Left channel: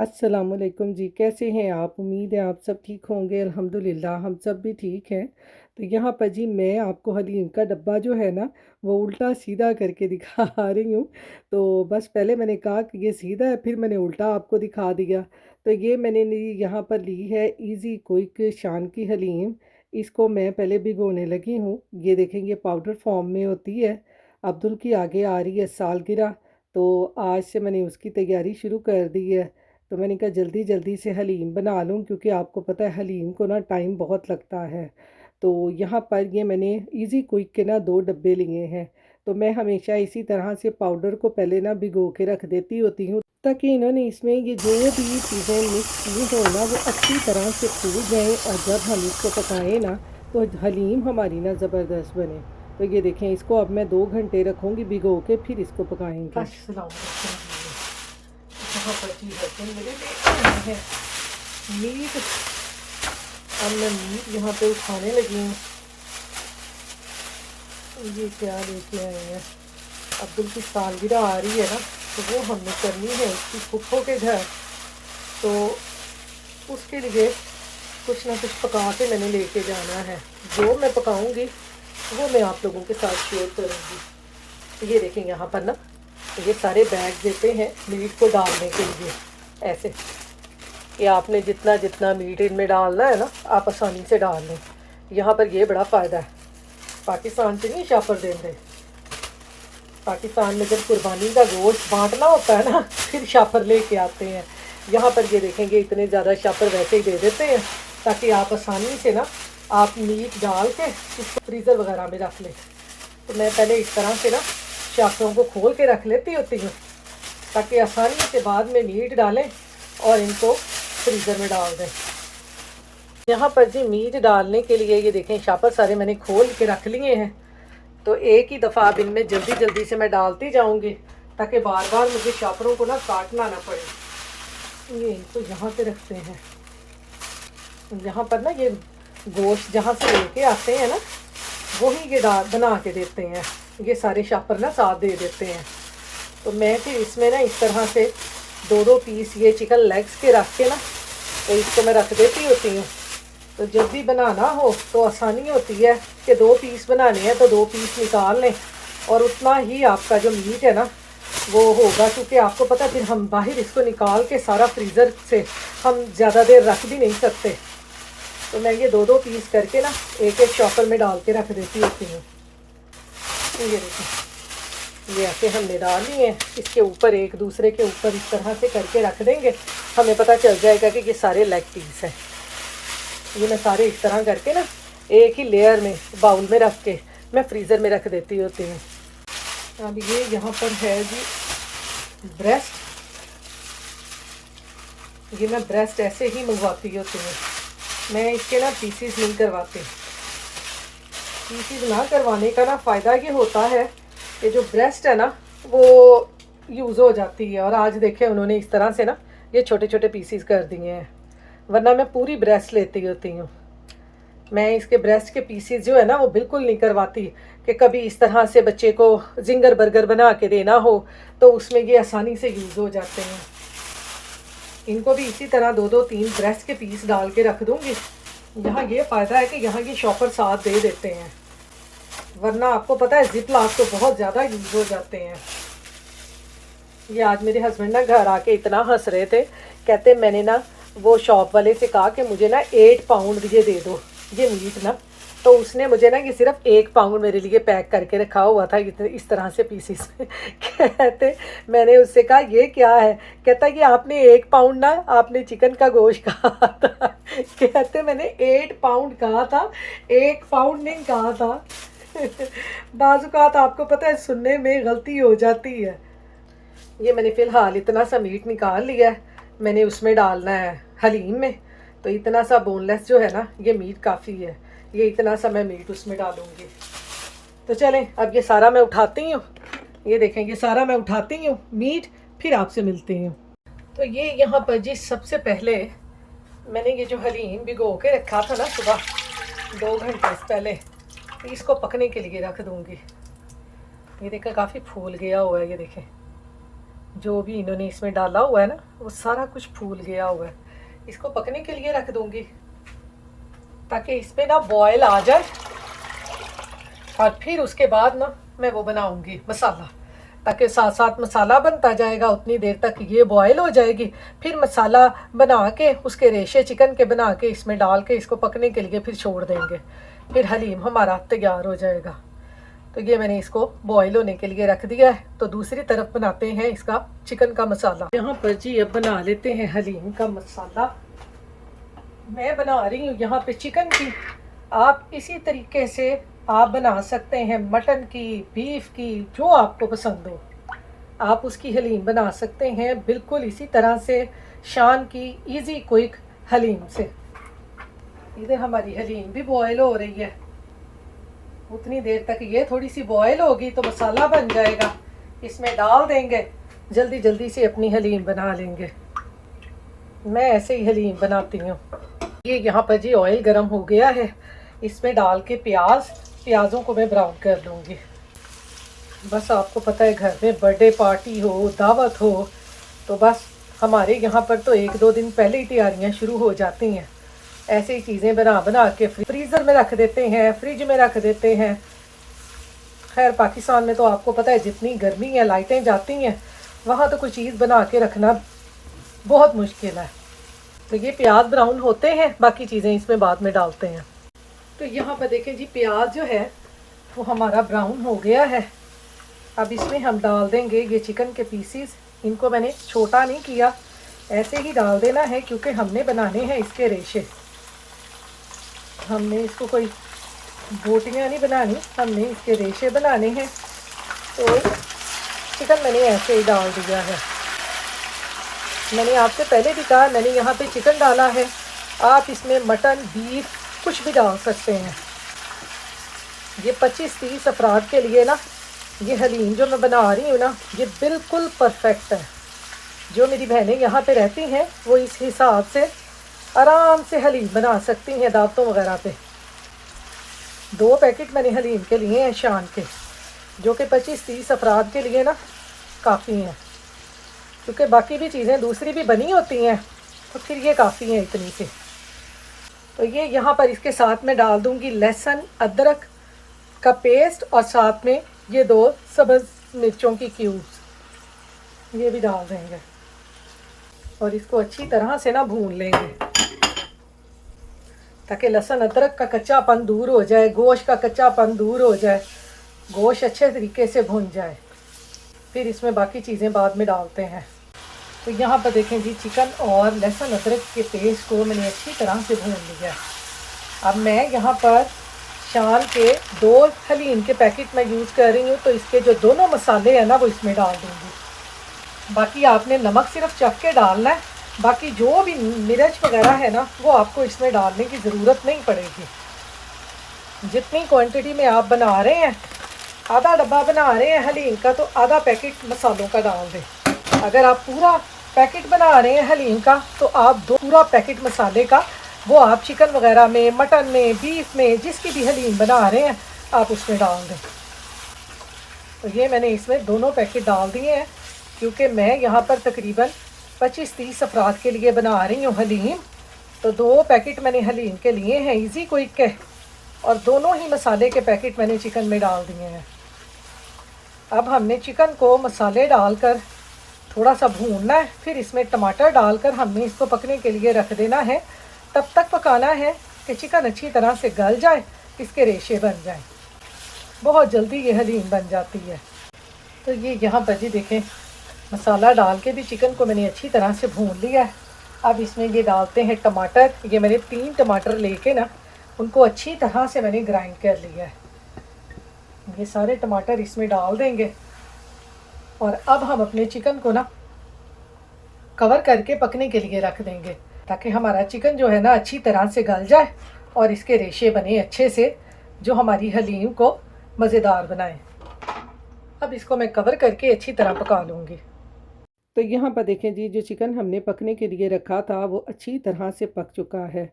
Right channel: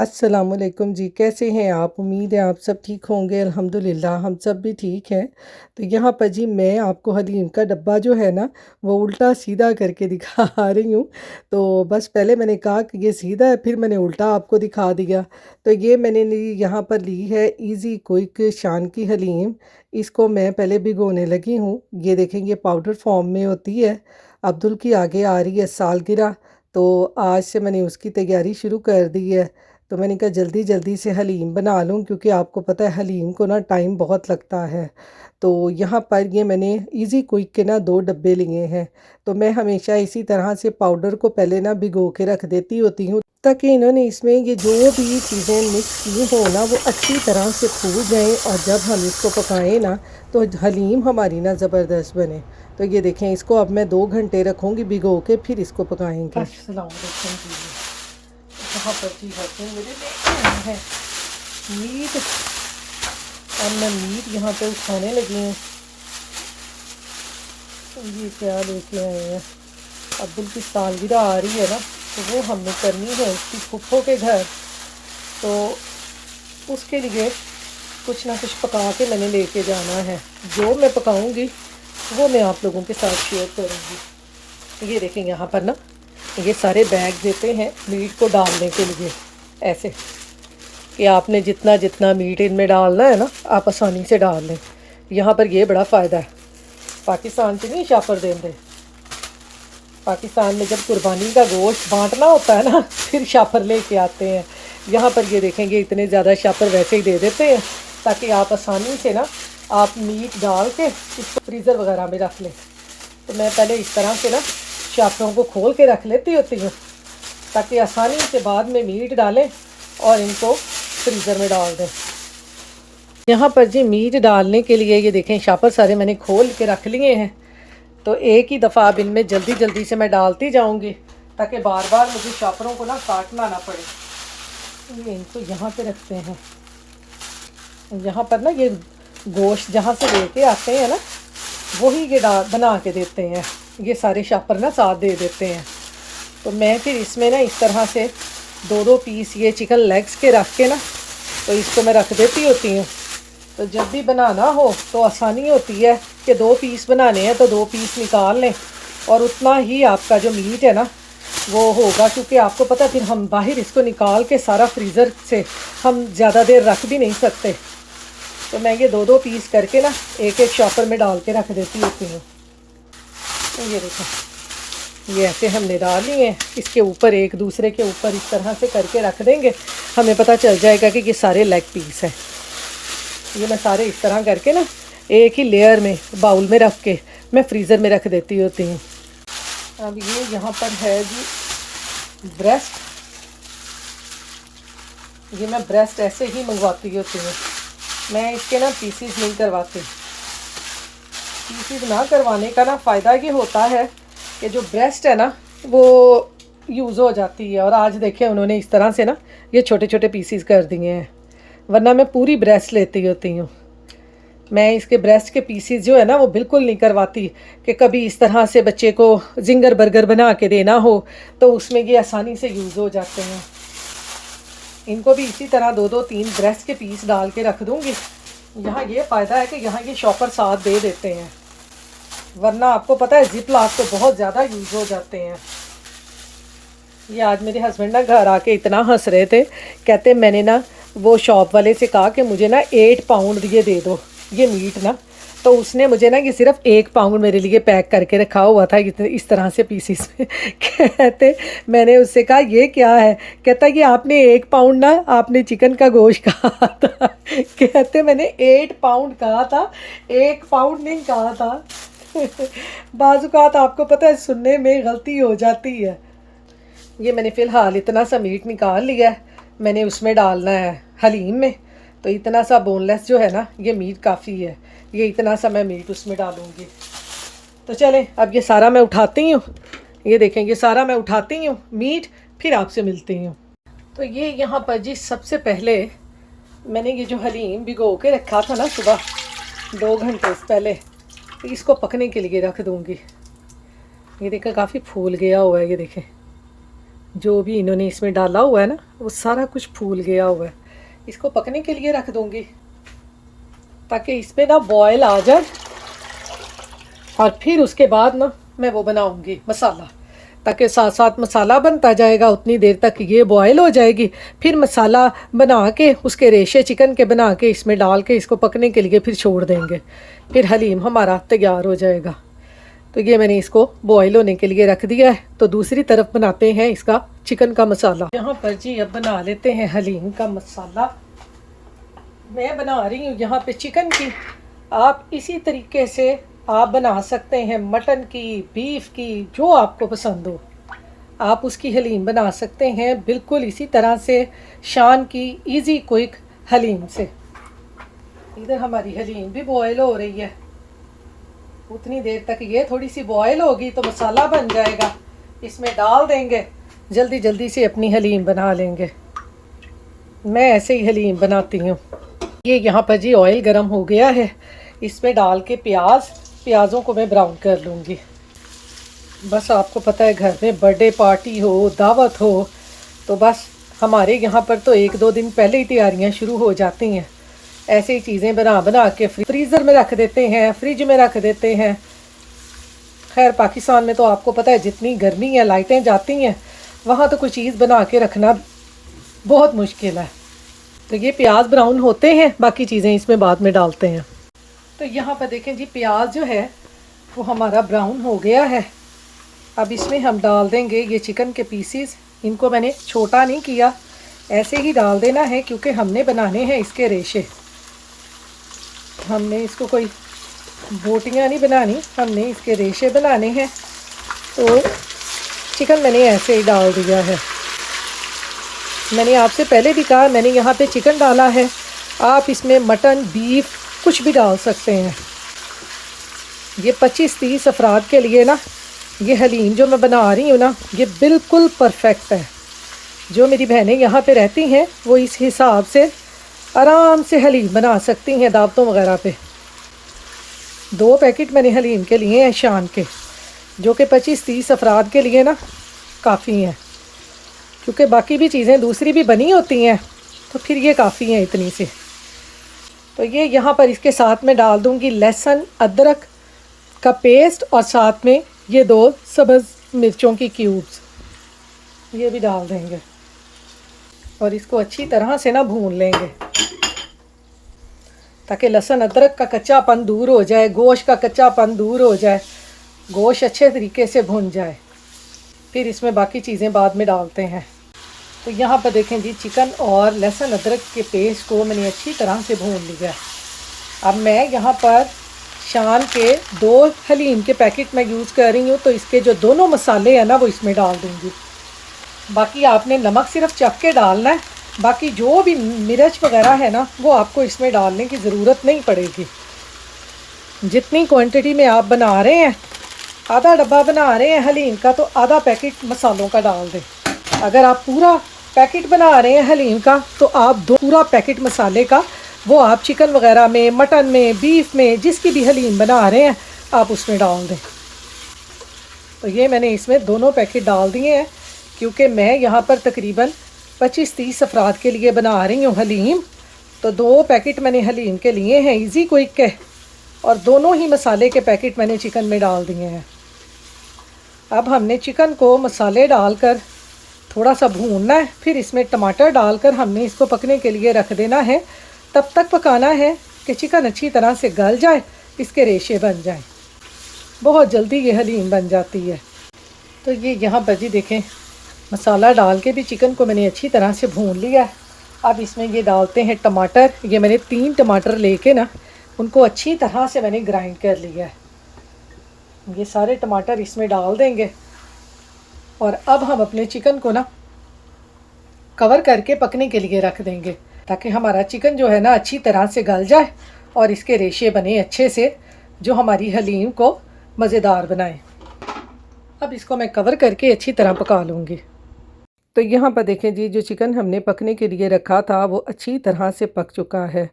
अस्सलामुअलैकुम जी, कैसे हैं आप? उम्मीद है आप सब ठीक होंगे। अल्हम्दुलिल्लाह हम सब भी ठीक हैं। तो यहाँ पर जी मैं आपको हलीम का डब्बा जो है ना, वो उल्टा सीधा करके दिखा रही हूँ। तो बस पहले मैंने कहा कि ये सीधा है, फिर मैंने उल्टा आपको दिखा दिया। तो ये मैंने ली, यहाँ पर ली है इजी क्विक शान की हलीम। इसको मैं पहले भिगोने लगी हूँ। ये देखें, ये पाउडर फॉर्म में होती है। अब्दुल की आगे आ रही है सालगिरह, तो आज से मैंने उसकी तैयारी शुरू कर दी है। तो मैंने कहा जल्दी जल्दी से हलीम बना लूँ, क्योंकि आपको पता है हलीम को ना टाइम बहुत लगता है। तो यहाँ पर ये मैंने इजी क्विक के ना 2 डब्बे लिए हैं। तो मैं हमेशा इसी तरह से पाउडर को पहले ना भिगो के रख देती होती हूँ, ताकि इन्होंने इसमें ये जो भी चीज़ें मिक्स की हो ना, वो अच्छी तरह से फूल जाएँ, और जब हम इसको पकाएं ना, तो हलीम हमारी ना ज़बरदस्त बने। तो ये देखें, इसको अब मैं 2 घंटे रखूँगी भिगो के, फिर इसको पकाएंगे। अस्सलाम वालेकुम जी। बहुत अच्छी होती है मेरे लिए है मीट। अब मैं मीट यहाँ पे खाने लगी हूँ। ये क्या लेके आए हैं? अब्दुल की सालगिरह आ रही है ना, तो वो हमने करनी है उसकी फुफ्फो के घर। तो उसके लिए कुछ ना कुछ पका के मैंने लेके जाना है। जो मैं पकाऊंगी वो मैं आप लोगों के साथ शेयर करूँगी। ये देखें, यहाँ पर ना ये सारे बैग देते हैं मीट को डालने के लिए, ऐसे कि आपने जितना जितना मीट इनमें डालना है ना, आप आसानी से डाल लें। यहाँ पर ये बड़ा फ़ायदा है। पाकिस्तान से नहीं शापर देंगे। पाकिस्तान में जब कुर्बानी का गोश्त बांटना होता है ना, फिर शापर लेके आते हैं। यहाँ पर ये देखेंगे इतने ज़्यादा शापर वैसे ही दे देते हैं, ताकि आप आसानी से ना आप मीट डाल के इसको फ्रीज़र वगैरह में रख लें। तो मैं पहले इस तरह से ना शापरों को खोल के रख लेती होती हूँ, ताकि आसानी से बाद में मीट डालें और इनको फ्रीज़र में डाल दें। यहाँ पर जी मीट डालने के लिए ये देखें, शापर सारे मैंने खोल के रख लिए हैं। तो एक ही दफ़ा अब इनमें जल्दी जल्दी से मैं डालती जाऊँगी, ताकि बार बार मुझे शापरों को ना काटना ना पड़े। ये इनको यहाँ पे रखते हैं। यहाँ पर ना ये गोश्त जहाँ से लेके आते हैं ना, वही ये बना के देते हैं। ये सारे शापर ना साथ दे देते हैं। तो मैं फिर इसमें ना इस तरह से 2-2 पीस ये चिकन लेग्स के रख के ना, तो इसको मैं रख देती होती हूँ। तो जब भी बनाना हो तो आसानी होती है कि 2 पीस बनाने हैं तो 2 पीस निकाल लें, और उतना ही आपका जो मीट है ना वो होगा। क्योंकि आपको पता, फिर हम बाहर इसको निकाल के सारा फ्रीज़र से हम ज़्यादा देर रख भी नहीं सकते। तो मैं ये 2-2 पीस करके ना एक एक शॉपर में डाल के रख देती होती हूँ। ये देखो, ये ऐसे हमने डाल लिए हैं। इसके ऊपर एक दूसरे के ऊपर इस तरह से करके रख देंगे, हमें पता चल जाएगा कि ये सारे लेग पीस हैं। ये मैं सारे इस तरह करके ना एक ही लेयर में बाउल में रख के मैं फ्रीज़र में रख देती होती हूँ। अब ये यहाँ पर है जी ब्रेस्ट। ये मैं ब्रेस्ट ऐसे ही मंगवाती होती हूँ। मैं इसके ना पीसीज नहीं करवाती। पीसीज ना करवाने का ना फ़ायदा ये होता है कि जो ब्रेस्ट है ना वो यूज़ हो जाती है। और आज देखें उन्होंने इस तरह से ना ये छोटे छोटे पीसीज कर दिए हैं, वरना मैं पूरी ब्रेस्ट लेती होती हूँ। मैं इसके ब्रेस्ट के पीसीज जो है ना वो बिल्कुल नहीं करवाती, कि कभी इस तरह से बच्चे को जिंगर बर्गर बना के देना हो तो उसमें ये आसानी से यूज़ हो जाते हैं। इनको भी इसी तरह 2-2-3 ब्रेस्ट के पीस डाल के रख दूँगी। यहाँ ये फ़ायदा है कि यहाँ ये शॉपर साथ दे देते हैं, वरना आपको पता है जिप लॉक तो बहुत ज़्यादा यूज़ हो जाते हैं। ये आज मेरे हस्बैंड ना घर आके इतना हंस रहे थे, कहते मैंने ना वो शॉप वाले से कहा कि मुझे ना 8 पाउंड ये दे दो ये मीट ना। तो उसने मुझे ना ये सिर्फ 1 पाउंड मेरे लिए पैक करके रखा हुआ था इस तरह से पीसीस में। कहते, मैंने उससे कहा ये क्या है? कहता ये आपने 1 पाउंड ना आपने चिकन का गोश्त कहा था। कहते मैंने 8 पाउंड कहा था, 1 पाउंड नहीं कहा था। बाज़-औक़ात आपको पता है सुनने में गलती हो जाती है। ये मैंने फ़िलहाल इतना सा मीट निकाल लिया है, मैंने उसमें डालना है हलीम में। तो इतना सा बोनलेस जो है ना ये मीट काफ़ी है, ये इतना सा मैं मीट उसमें डालूँगी। तो चलें अब ये सारा मैं उठाती हूँ। ये देखें, ये सारा मैं उठाती हूँ मीट, फिर आपसे मिलती हूँ। तो ये यहाँ पर जी सबसे पहले मैंने ये जो हलीम भिगो के रखा था ना सुबह 2 घंटे पहले, तो इसको पकने के लिए रख दूँगी। ये देखें काफ़ी फूल गया हुआ है, ये देखें जो भी इन्होंने इसमें डाला हुआ है ना, वो सारा कुछ फूल गया हुआ है। इसको पकने के लिए रख दूँगी ताकि इसमें ना बॉयल आ जाए, और फिर उसके बाद ना मैं वो बनाऊंगी मसाला, ताकि साथ साथ मसाला बनता जाएगा, उतनी देर तक ये बॉयल हो जाएगी। फिर मसाला बना के उसके रेशे चिकन के बना के इसमें डाल के इसको पकने के लिए फिर छोड़ देंगे, फिर हलीम हमारा तैयार हो जाएगा। तो ये मैंने इसको बॉयल होने के लिए रख दिया है। तो दूसरी तरफ बनाते हैं इसका चिकन का मसाला। यहाँ पर जी अब बना लेते हैं हलीम का मसाला। मैं बना रही हूँ यहाँ पे चिकन की, आप इसी तरीके से आप बना सकते हैं मटन की, बीफ की, जो आपको पसंद हो आप उसकी हलीम बना सकते हैं, बिल्कुल इसी तरह से शान की इजी क्विक हलीम से। इधर हमारी हलीम भी बॉयल हो रही है, उतनी देर तक ये थोड़ी सी बॉयल होगी तो मसाला बन जाएगा, इसमें डाल देंगे, जल्दी जल्दी से अपनी हलीम बना लेंगे। मैं ऐसे ही हलीम बनाती हूँ। ये यहाँ पर जी ऑयल गरम हो गया है, इसमें डाल के प्याज़ों को मैं ब्राउन कर लूँगी। बस आपको पता है घर में बर्थडे पार्टी हो, दावत हो, तो बस हमारे यहाँ पर तो 1-2 दिन पहले ही तैयारियाँ शुरू हो जाती हैं। ऐसे ही चीज़ें बना बना के फ्रीज़र में रख देते हैं, फ्रिज में रख देते हैं। खैर पाकिस्तान में तो आपको पता है जितनी गर्मी है, लाइटें जाती हैं, वहाँ तो कोई चीज़ बना के रखना बहुत मुश्किल है। तो ये प्याज ब्राउन होते हैं, बाकी चीज़ें इसमें बाद में डालते हैं। तो यहाँ पर देखें जी प्याज जो है वो हमारा ब्राउन हो गया है। अब इसमें हम डाल देंगे ये चिकन के पीसीस। इनको मैंने छोटा नहीं किया, ऐसे ही डाल देना है क्योंकि हमने बनाने हैं इसके रेशे। हमने इसको कोई बोटियाँ नहीं बनानी, हमने इसके रेशे बनाने हैं। तो चिकन मैंने ऐसे ही डाल दिया है। मैंने आपसे पहले भी कहा मैंने यहाँ पे चिकन डाला है, आप इसमें मटन, बीफ कुछ भी डाल सकते हैं। ये 25-30 अफराद के लिए ना ये हलीम जो मैं बना रही हूँ ना, ये बिल्कुल परफेक्ट है। जो मेरी बहनें यहाँ पे रहती हैं वो इस हिसाब से आराम से हलीम बना सकती हैं दावतों वगैरह पे। 2 पैकेट मैंने हलीम के लिए हैं शान के, जो कि 25-30 अफराद के लिए ना काफ़ी हैं, क्योंकि बाकी भी चीज़ें दूसरी भी बनी होती हैं, तो फिर ये काफ़ी हैं इतनी सी। तो ये यहाँ पर इसके साथ में डाल दूँगी लहसुन अदरक का पेस्ट, और साथ में ये 2 सब्ज़ मिर्चों की क्यूब्स ये भी डाल देंगे, और इसको अच्छी तरह से ना भून लेंगे ताकि लहसुन अदरक का कच्चापन दूर हो जाए, गोश्त का कच्चापन दूर हो जाए, गोश्त अच्छे तरीके से भुन जाए। फिर इसमें बाकी चीज़ें बाद में डालते हैं। तो यहाँ पर देखें जी चिकन और लहसुन अदरक के पेस्ट को मैंने अच्छी तरह से भून लिया। अब मैं यहाँ पर शान के 2 हलीम के पैकेट मैं यूज़ कर रही हूँ, तो इसके जो दोनों मसाले हैं ना वो इसमें डाल दूँगी। बाकी आपने नमक सिर्फ चख के डालना है, बाकी जो भी मिर्च वगैरह है ना वो आपको इसमें डालने की ज़रूरत नहीं पड़ेगी। जितनी क्वांटिटी में आप बना रहे हैं, आधा डब्बा बना रहे हैं हलीम का, तो आधा पैकेट मसालों का डाल दें। अगर आप पूरा पैकेट बना रहे हैं हलीम का, तो आप पूरा पैकेट मसाले का वो आप चिकन वगैरह में, मटन में, बीफ में, जिसकी भी हलीम बना रहे हैं आप उसमें डाल दें। तो ये मैंने इसमें दोनों पैकेट डाल दिए हैं, क्योंकि मैं यहाँ पर तकरीबन 25-30 अफराद के लिए बना रही हूँ हलीम। तो 2 पैकेट मैंने हलीम के लिए हैं इजी क्विक के, और दोनों ही मसाले के पैकेट मैंने चिकन में डाल दिए हैं। अब हमने चिकन को मसाले डालकर थोड़ा सा भूनना है, फिर इसमें टमाटर डालकर हमने इसको पकने के लिए रख देना है। तब तक पकाना है कि चिकन अच्छी तरह से गल जाए, इसके रेशे बन जाए। बहुत जल्दी ये हलीम बन जाती है। तो ये यहाँ पर जी देखें मसाला डाल के भी चिकन को मैंने अच्छी तरह से भून लिया है। अब इसमें ये डालते हैं टमाटर। ये मैंने 3 टमाटर लेके ना उनको अच्छी तरह से मैंने ग्राइंड कर लिया है। ये सारे टमाटर इसमें डाल देंगे, और अब हम अपने चिकन को ना कवर करके पकने के लिए रख देंगे, ताकि हमारा चिकन जो है ना अच्छी तरह से गल जाए और इसके रेशे बने अच्छे से, जो हमारी हलीम को मज़ेदार बनाए। अब इसको मैं कवर करके अच्छी तरह पका लूँगी। तो यहाँ पर देखें जी, जो चिकन हमने पकने के लिए रखा था वो अच्छी तरह से पक चुका है।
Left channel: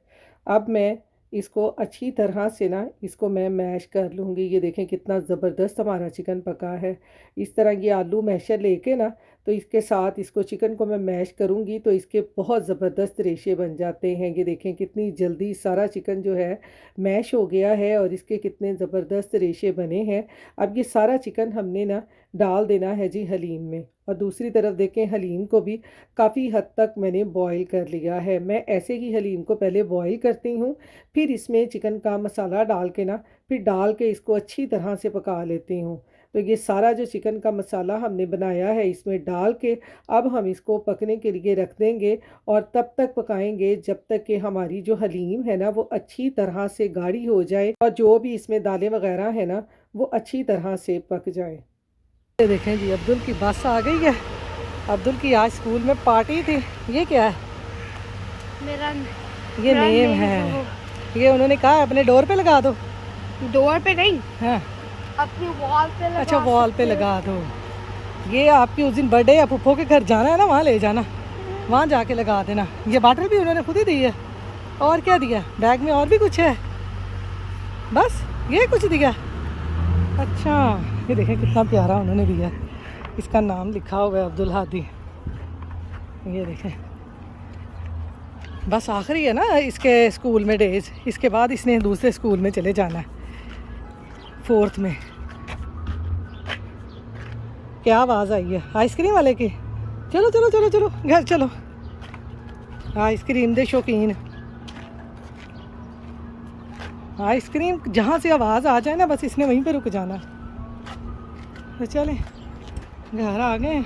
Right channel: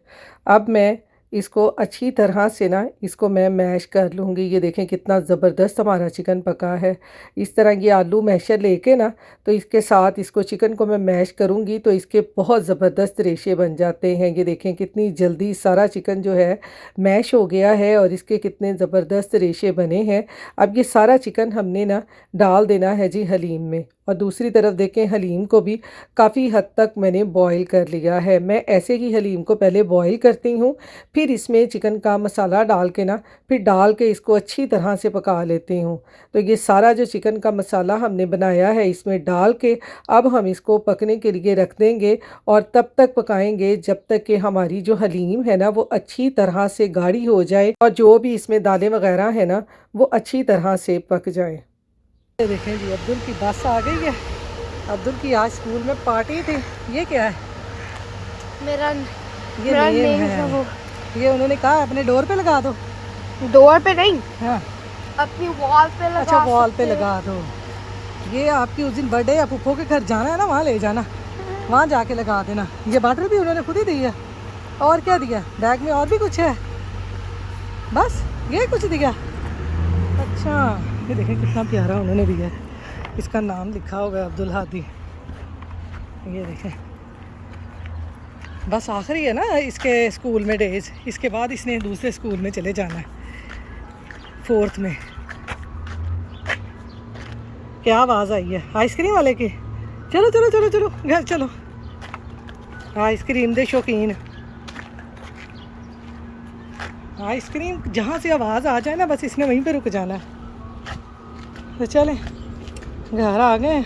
अब मैं इसको अच्छी तरह से ना इसको मैं मैश कर लूँगी। ये देखें कितना ज़बरदस्त हमारा चिकन पका है। इस तरह ये आलू मैशर लेके ना तो इसके साथ इसको चिकन को मैं मैश करूँगी तो इसके बहुत ज़बरदस्त रेशे बन जाते हैं। ये देखें कितनी जल्दी सारा चिकन जो है मैश हो गया है और इसके कितने ज़बरदस्त रेशे बने हैं। अब ये सारा चिकन हमने ना डाल देना है जी हलीम में। और दूसरी तरफ देखें हलीम को भी काफ़ी हद तक मैंने बॉईल कर लिया है। मैं ऐसे ही हलीम को पहले बॉईल करती हूँ, फिर इसमें चिकन का मसाला डाल के ना फिर डाल के इसको अच्छी तरह से पका लेती हूँ। तो ये सारा जो चिकन का मसाला हमने बनाया है इसमें डाल के अब हम इसको पकने के लिए रख देंगे और तब तक पकाएंगे जब तक कि हमारी जो हलीम है ना वो अच्छी तरह से गाढ़ी हो जाए और जो भी इसमें दालें वगैरह है ना वो अच्छी तरह से पक जाए। ये देखें जी अब्दुल की बस आ गई है। अब्दुल की आज स्कूल में पार्टी थी। ये क्या है? ये नेम है। ये उन्होंने कहा अपने डोर पे लगा दो। डोर पे नहीं, हाँ अपनी वॉल पे लगा। अच्छा वॉल पे लगा दो। ये आपकी उस दिन बर्थडे या पुप्पो के घर जाना है ना, वहाँ ले जाना, वहाँ जाके लगा देना। ये बॉटल भी उन्होंने खुद ही दी है। और क्या दिया बैग में? और भी कुछ है? बस ये कुछ दिया? अच्छा ये देखें कितना प्यारा उन्होंने दिया है। इसका नाम लिखा हुआ है अब्दुल हादी। ये देखें बस आखिरी है ना इसके स्कूल में डेज। इसके बाद इसने दूसरे स्कूल में चले जाना है 4th में। क्या आवाज़ आई है? आइसक्रीम वाले की। चलो चलो चलो चलो घर चलो। आइसक्रीम दे शौकीन। आइसक्रीम जहाँ से आवाज़ आ जाए ना बस इसने वहीं पे रुक जाना है। तो चलें घर आ गए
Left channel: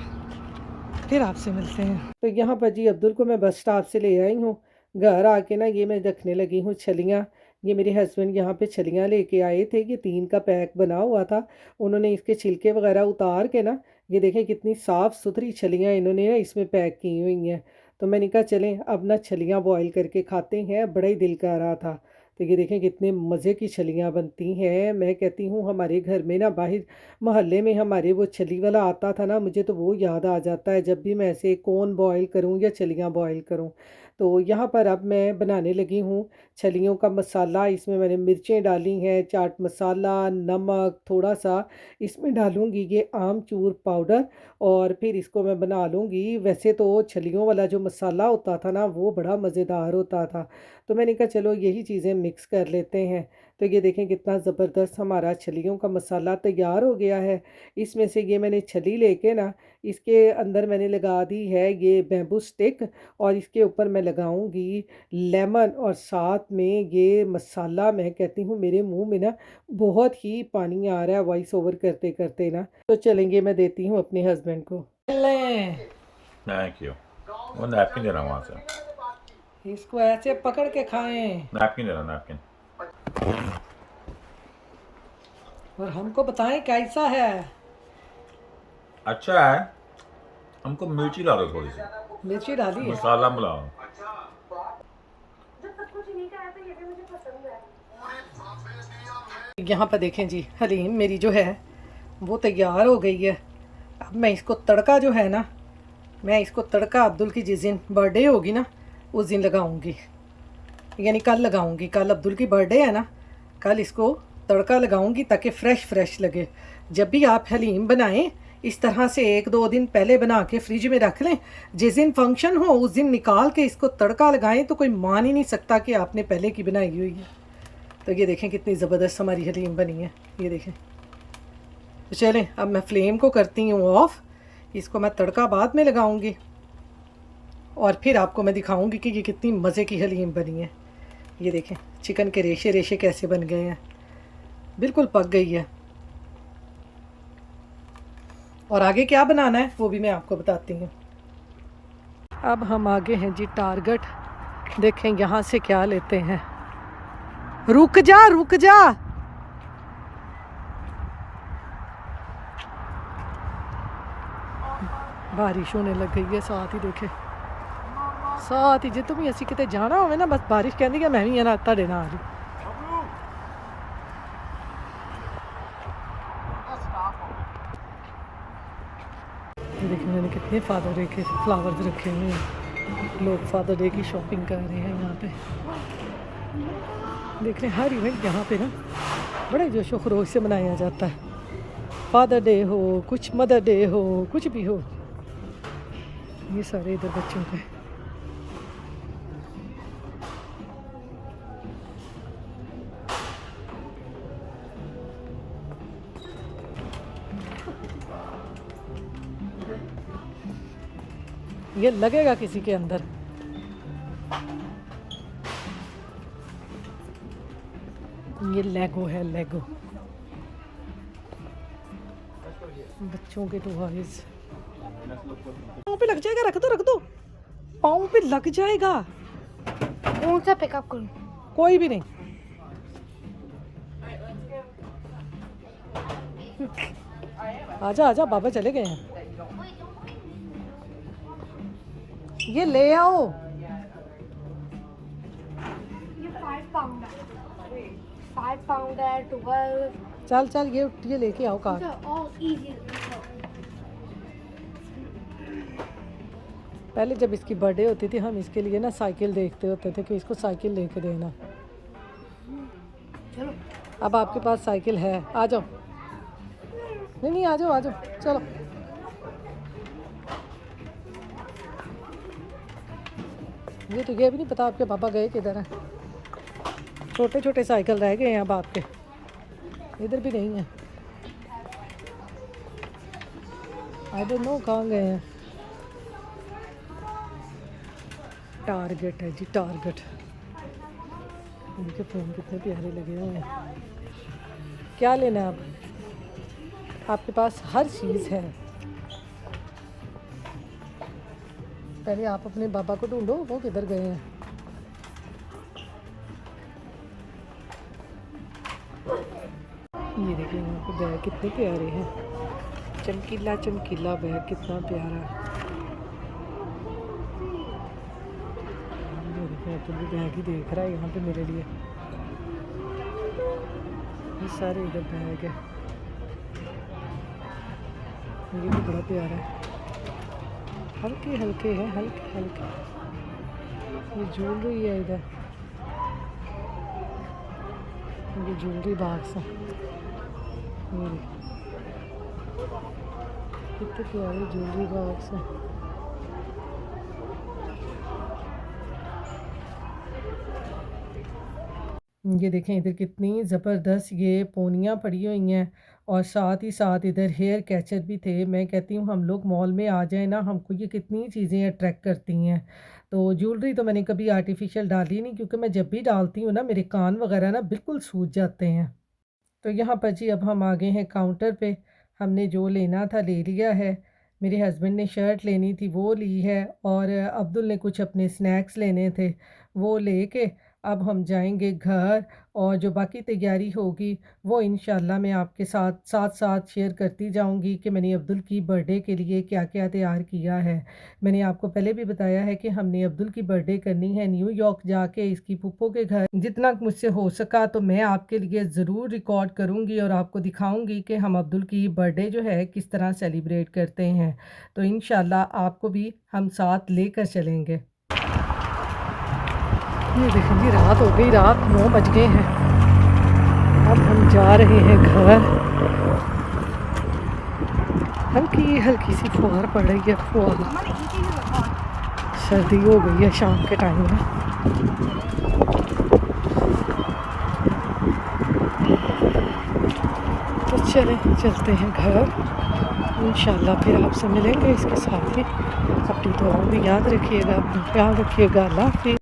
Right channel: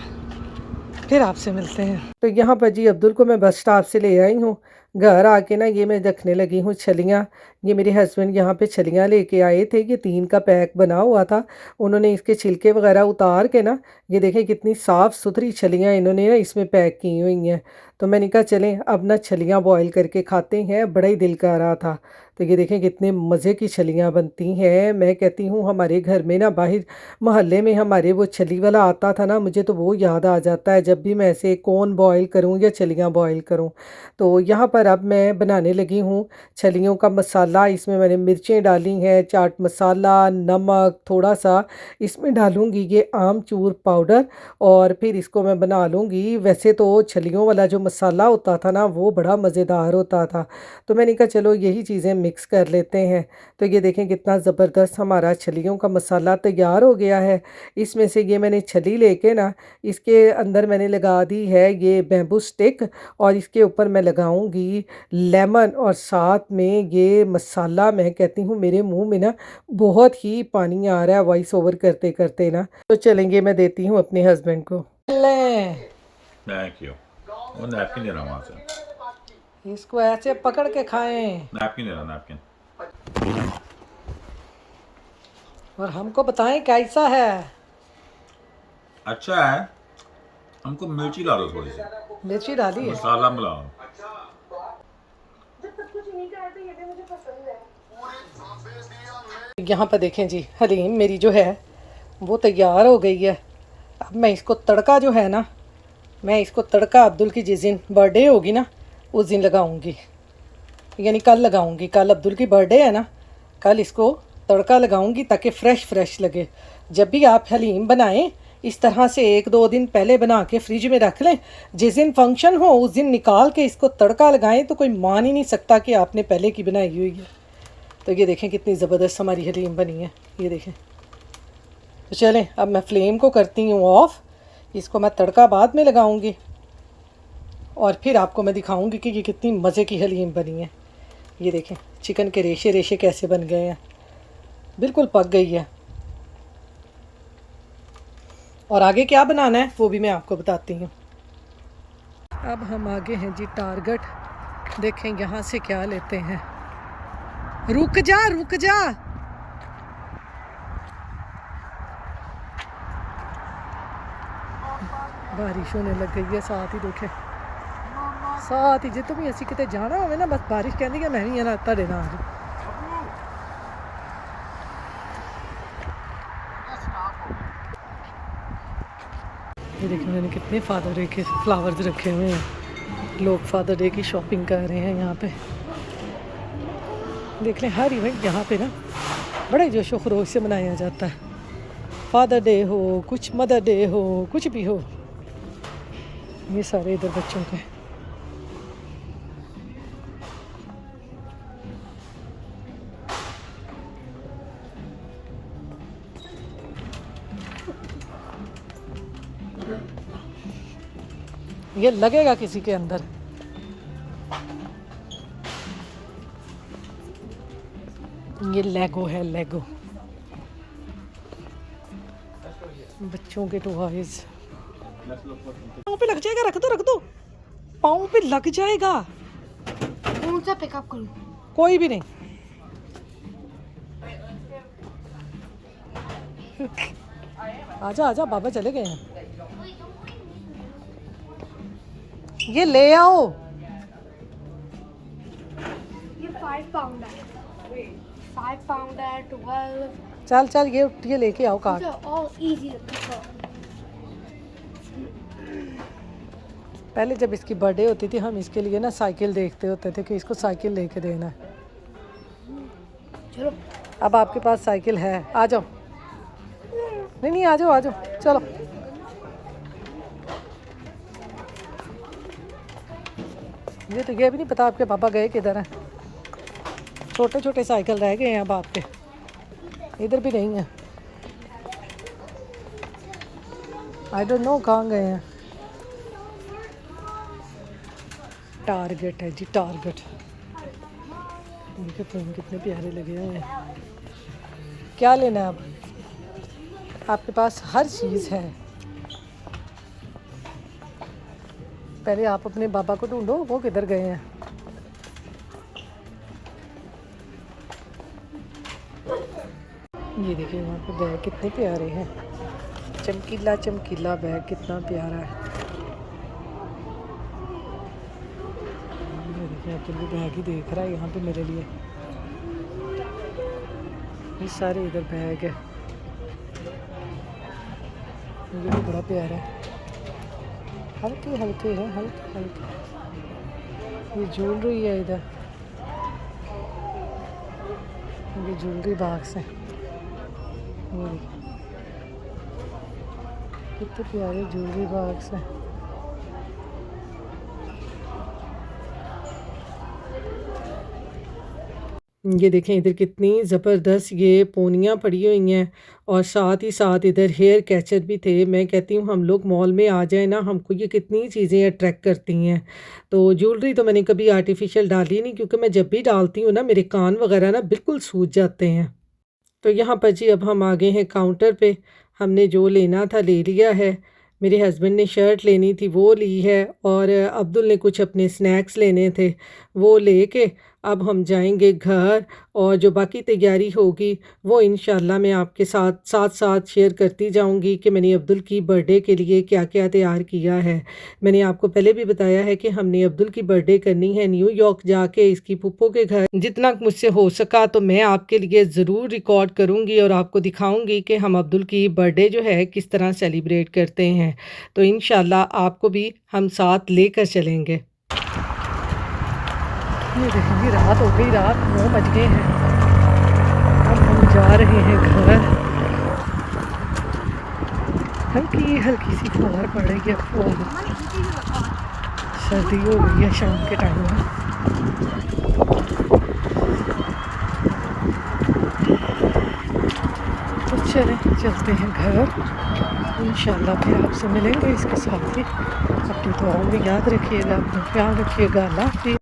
फिर आपसे मिलते हैं। तो यहाँ पर जी अब्दुल को मैं बस स्टॉप से ले आई हूँ। घर आके ना ये मैं रखने लगी हूँ छलियाँ। ये मेरे हस्बैंड यहाँ पे छलियाँ लेके आए थे। ये 3 का पैक बना हुआ था। उन्होंने इसके छिलके वगैरह उतार के ना ये देखें कितनी साफ़ सुथरी छलियाँ इन्होंने ना इसमें पैक की हुई हैं। तो मैंने कहा चलें अब ना छलियाँ बॉयल करके खाते हैं। बड़ा ही दिल कर रहा था। तो ये देखें कितने मज़े की छलियाँ बनती हैं। मैं कहती हूँ हमारे घर में ना बाहर मोहल्ले में हमारे वो छली वाला आता था ना, मुझे तो वो याद आ जाता है जब भी मैं ऐसे कौन बॉयल करूँ या छलियाँ बॉयल करूँ। तो यहाँ पर अब मैं बनाने लगी हूँ छलियों का मसाला। इसमें मैंने मिर्चें डाली हैं, चाट मसाला, नमक थोड़ा सा इसमें डालूँगी, ये आमचूर पाउडर, और फिर इसको मैं बना लूँगी। वैसे तो छलियों वाला जो मसाला होता था ना वो बड़ा मज़ेदार होता था। तो मैंने कहा चलो यही चीज़ें मिक्स कर लेते हैं। तो ये देखें कितना ज़बरदस्त हमारा छलियों का मसाला तैयार हो गया है। इसमें से ये मैंने छली लेके ना इसके अंदर मैंने लगा दी है ये बैम्बू स्टिक और इसके ऊपर मैं लगाऊंगी लेमन और साथ में ये मसाला। मैं कहती हूँ मेरे मुंह में ना बहुत ही पानी आ रहा है वॉइस ओवर करते करते ना। तो चलेंगे मैं देती हूँ अपने हस्बैंड को। ले थैंक यू। वो नैपकिन दे रहा वहाँ से। इसको ऐसे पकड़ के खाएं। नैपकिन दे रहा नैपकिन। और हमको बताएं कैसा है। अच्छा है। हमको मिर्ची ला दो थोड़ी सी। मिर्ची डाली है? मसाला मिलाओ। यहाँ पर देखें जी हलीम मेरी जो है वो तैयार हो गई है। अब मैं इसको तड़का जो है ना, मैं इसको तड़का अब्दुल की जिस दिन बर्थडे होगी ना उस दिन लगाऊंगी, यानी कल लगाऊंगी। कल अब्दुल की बर्थडे है ना, कल इसको तड़का लगाऊंगी ताकि फ़्रेश लगे। जब भी आप हलीम बनाएं इस तरह से 1-2 दिन पहले बना के फ्रिज में रख लें। जिस दिन फंक्शन हो उस दिन निकाल के इसको तड़का लगाएं तो कोई मान ही नहीं सकता कि आपने पहले की बनाई हुई है। तो ये देखें कितनी ज़बरदस्त हमारी हलीम बनी है। ये देखें। तो चलें अब मैं फ्लेम को करती हूँ ऑफ़। इसको मैं तड़का बाद में लगाऊंगी और फिर आपको मैं दिखाऊंगी कि ये कितनी मज़े की हलीम बनी है। ये देखें चिकन के रेशे रेशे कैसे बन गए हैं, बिल्कुल पक गई है। और आगे क्या बनाना है वो भी मैं आपको बताती हूँ। अब हम आगे हैं जी टारगेट। देखें यहाँ से क्या लेते हैं। रुक जा रुक जा। बारिश होने लग गई है साथ ही। देखे साथ ही जे तुम असी किते जाना होवे ना बस बारिश कहनी कि मैं भी है ना तुहाडे नाल। ये देखिए मैंने कितने फादर डे के फ्लावर्स रखे हुए हैं। लोग फादर डे की शॉपिंग कर रहे हैं यहाँ पे। देख लें हर इवेंट यहाँ पे ना बड़े जोशो खरोश से मनाया जाता है। फादर डे हो, कुछ मदर डे हो, कुछ भी हो, ये सारे इधर बच्चों के। ये लगेगा किसी के अंदर। ये लेगो है, लेगो बच्चों के टॉयज। पाँव पे लग जाएगा, रख दो, पाँव पे लग जाएगा। कौन सा पिकअप करूं? कोई भी नहीं। आजा आजा, बाबा चले गए हैं। ये ले आओ। ये 5 पाउंड है, 5 पाउंड है, 12। चल चल, ये लेके आओ कार्ड। पहले जब इसकी बर्थडे होती थी हम इसके लिए ना साइकिल देखते होते थे कि इसको साइकिल लेके देना है। चलो अब आपके पास साइकिल है, आ जाओ। नहीं आ जाओ चलो। ये भी नहीं पता आपके पापा गए किधर हैं। छोटे छोटे साइकिल रह गए हैं अब आपके, इधर भी नहीं है। आई डोंट नो कहाँ गए हैं। टारगेट है जी, टारगेट। उनके फ़ोन कितने प्यारे लगे हुए हैं। क्या लेना है अब? आपके पास हर चीज़ है। पहले आप अपने बाबा को ढूंढो, वो किधर गए हैं। ये देखिए यहाँ पे बैग कितने प्यारे हैं। चमकीला चमकीला बैग कितना प्यारा है। ये देखिए अब्दुल भी बैग ही देख रहा है यहाँ पे मेरे लिए। ये सारे इधर बैग है। ये भी बड़ा प्यारा है, हल्के हल्के हैं, हल्के हल्के। ये ज्वेलरी है इधर, ये ज्वेलरी बॉक्स है। ये कितने प्यारे ज्वेलरी बॉक्स हैं। ये देखें इधर कितनी ज़बरदस्त ये पोनियाँ पड़ी हुई हैं और साथ ही साथ इधर हेयर कैचर भी थे। मैं कहती हूँ हम लोग मॉल में आ जाए ना, हमको ये कितनी चीज़ें अट्रैक्ट करती हैं। तो ज्वेलरी तो मैंने कभी आर्टिफिशियल डाली नहीं, क्योंकि मैं जब भी डालती हूँ ना मेरे कान वगैरह ना बिल्कुल सूज जाते हैं। तो यहाँ पर जी अब हम आ गए हैं काउंटर पे। हमने जो लेना था ले लिया है। मेरे हस्बैंड ने शर्ट लेनी थी वो ली है, और अब्दुल ने कुछ अपने स्नैक्स लेने थे वो लेके अब हम जाएंगे घर। और जो बाकी तैयारी होगी वो इंशाल्लाह मैं आपके साथ शेयर करती जाऊंगी कि मैंने अब्दुल की बर्थडे के लिए क्या क्या तैयार किया है। मैंने आपको पहले भी बताया है कि हमने अब्दुल की बर्थडे करनी है न्यूयॉर्क जाके इसकी फूफो के घर। जितना मुझसे हो सका तो मैं आपके लिए ज़रूर रिकॉर्ड करूँगी और आपको दिखाऊँगी कि हम अब्दुल की बर्थडे जो है किस तरह सेलिब्रेट करते हैं। तो इंशाल्लाह आपको भी हम साथ लेकर चलेंगे। ये देखेंगे रात हो गई, रात 9 बज गए हैं। अब हम जा रहे हैं घर। हल्की हल्की सी फुहार पड़ रही है, फुहार। सर्दी हो गई है शाम के टाइम में। तो चलते हैं घर। इंशाल्लाह फिर आपसे मिलेंगे इसके साथ ही। अपनी दुआओं में याद रखिएगा, अपना ख्याल रखिएगा। अल्लाह हाफ़िज़।